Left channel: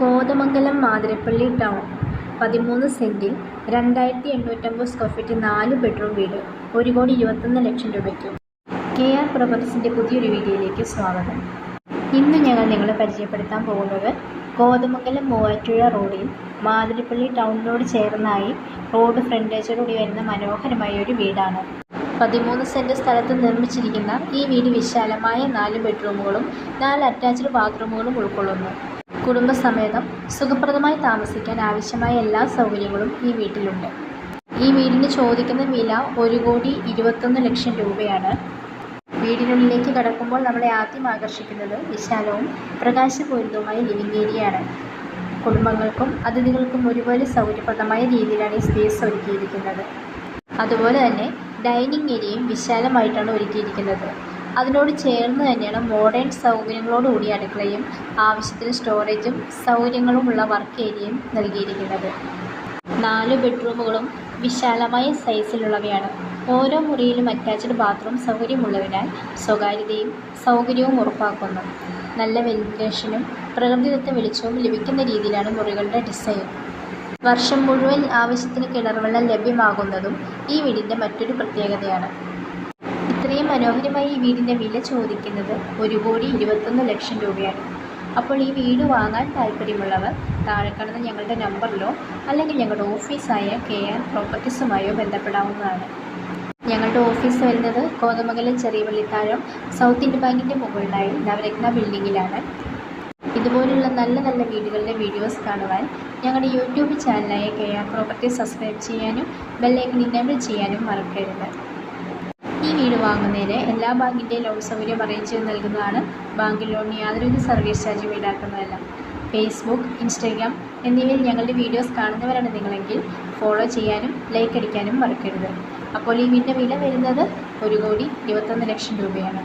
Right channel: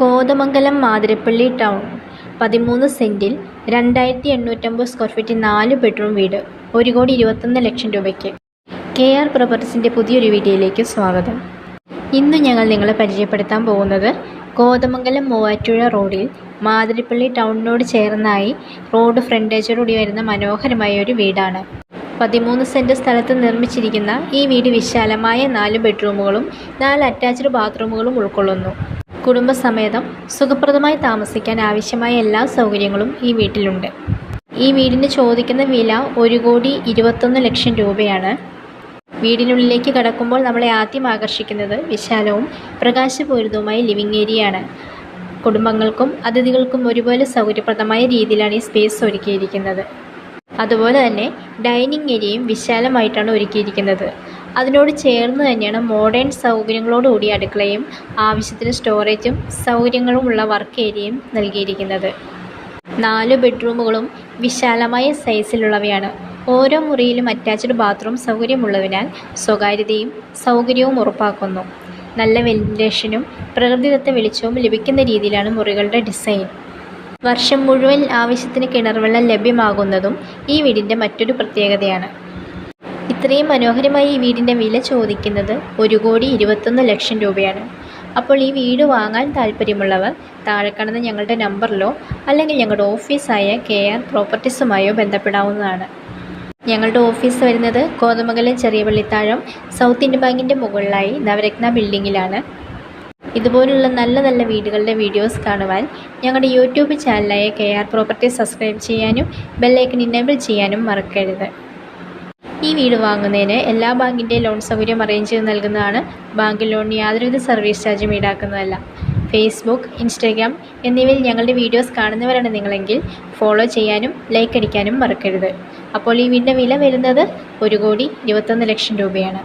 Kothamangalam Mathirappally town 13 സെൻറ്റിൽ 2850 square feet 4 bedroom വീട് 1,21,00,000 രൂപയ്ക്ക്. KR പ്രോപ്പർട്ടീസിൻ്റെ പുതിയൊരു വീഡിയോയിലേക്ക് സ്വാഗതം. ഇന്ന് ഞങ്ങൾ നിങ്ങളെ പരിചയപ്പെടുത്താൻ പോകുന്നത് കോതമംഗലം മൂവാറ്റുപുഴ റോഡിൽ മാതിരപ്പള്ളി ടൗണിനോട് ചേർന്നായി റോഡ് ഫ്രണ്ടേജോടുകൂടി വരുന്ന മനോഹരമായ ഒരു വീടാണ്. 13 സെൻറ്റ് സ്ഥലത്ത് നിർമ്മിച്ചിരിക്കുന്ന ഈ വീട് വിശാലമായ 4 ബെഡ്റൂമുകളും 4 അറ്റാച്ച്ഡ് ബാത്റൂമുകളും ഉൾക്കൊള്ളുന്നു. കുടുംബസമേതം സുഖപ്രദമായി താമസിക്കാൻ ആവശ്യമായ എല്ലാ സൗകര്യങ്ങളും ഈ വീട്ടിലുണ്ട്. ഈ വീടിന് ചോദിക്കുന്ന വില 1,21,00,000 രൂപയാണ്. വീടിനുള്ളിലേക്ക് കടക്കുമ്പോൾ നമ്മളെ ആദ്യം ആകർഷിക്കുന്നത് വിശാലവും പ്രകാശപൂരിതവുമായ ലിവിംഗ് ഏരിയയാണ്. കുടുംബങ്ങൾക്കും അതിഥികൾക്കും ഒരുപോലെ സൗകര്യപ്രദമായ രീതിയിലാണ് ഈ സ്പേസ് ഒരുക്കിയിരിക്കുന്നത്. അതുപോലെ തന്നെ ഡൈനിങ് ഏരിയയും വിശാലമായിട്ടാണ് ഒരുക്കിയിരിക്കുന്നത്. അതിനോട് ചേർന്ന് തന്നെയാണ് മോഡേൺ സൗകര്യങ്ങളോടുകൂടി അടുക്കളയും ആവശ്യത്തിന് സ്റ്റോറേജും സൗകര്യങ്ങളുമുള്ള വർക്ക് ഏരിയയും നൽകിയിരിക്കുന്നത്. 4 ബെഡ്റൂമുകളും വിശാലമായ സൈസിലുള്ളവയാണ്. ഓരോ മുറിയിലും അറ്റാച്ച്ഡ് ബാത്റൂം സൗകര്യമുള്ളതിനാൽ സ്വകാര്യതയും സൗകര്യവും ഉറപ്പാക്കുന്നു. നല്ല വെന്റിലേഷനും പ്രകൃതിദത്ത വെളിച്ചവും ലഭിക്കുന്ന രീതിയിലാണ് മുറികളുടെ ഡിസൈൻ. വർഷം മുഴുവൻ ആവശ്യത്തിന് കിണർവെള്ളം ലഭ്യമാകുന്നതും ഈ വീടിൻ്റെ മറ്റൊരു പ്രത്യേകതയാണ്. ഇത്രയും മനോഹരമായ ഈ വീടിൻ്റെ വില ചോദിക്കുന്നത് 1,21,00,000 രൂപയാണ്. അപ്പോൾ ഈ വീട് വാങ്ങാൻ താല്പര്യമുള്ളവർ താഴെ കാണുന്ന ഞങ്ങളുടെ നമ്പറിലോ അല്ലെങ്കിൽ ഞങ്ങളുടെ ഓഫീസായ KR പ്രോപ്പർട്ടീസുമായോ ബന്ധപ്പെടാവുന്നതാണ്. ഞങ്ങളുടെ ഓഫീസ് വരുന്നത് കോതമംഗലം ചെറിയ പള്ളിത്താഴം സൗത്ത് ഇന്ത്യൻ ബാങ്കിൻ്റെ മുകളിലായി നവരത്ന ബിൽഡിങ്ങിലാണ്. ഇതുപോലുള്ള നല്ല നല്ല വീടുകളുടെ വീഡിയോസ് കാണുവാൻ ഞങ്ങളുടെ യൂട്യൂബ് ചാനലായ KR പ്രോപ്പർട്ടീസ് സബ്സ്ക്രൈബ് ചെയ്യാനും ബെല്ലൈക്കൺ ഇനേബിൾ ചെയ്യാനും മറക്കരുത്. ഈ വീട് വാങ്ങുന്നതിന് എല്ലാ ബാങ്കിൻ്റെ ലോൺ സൗകര്യം അറേഞ്ച് ചെയ്ത് നൽകുന്നതാണ്. ബാങ്ക് ലോണിന് യാതൊരുവിധ സർവീസ് ചാർജും ഈടാക്കുന്നതല്ല. ഫേസ്ബുക്ക്, ഇൻസ്റ്റാഗ്രാം എന്നിവയിൽ ഞങ്ങളുടെ വീഡിയോസ് കാണുന്നവരാണ് നിങ്ങളെങ്കിൽ ഫോളോ ചെയ്യാനും ലൈക്ക് അടിക്കാനും മറക്കരുത്. അപ്പോൾ ഈ വീടിൻ്റെ വില വരുന്നത് 1,21,00,000 രൂപയാണ്.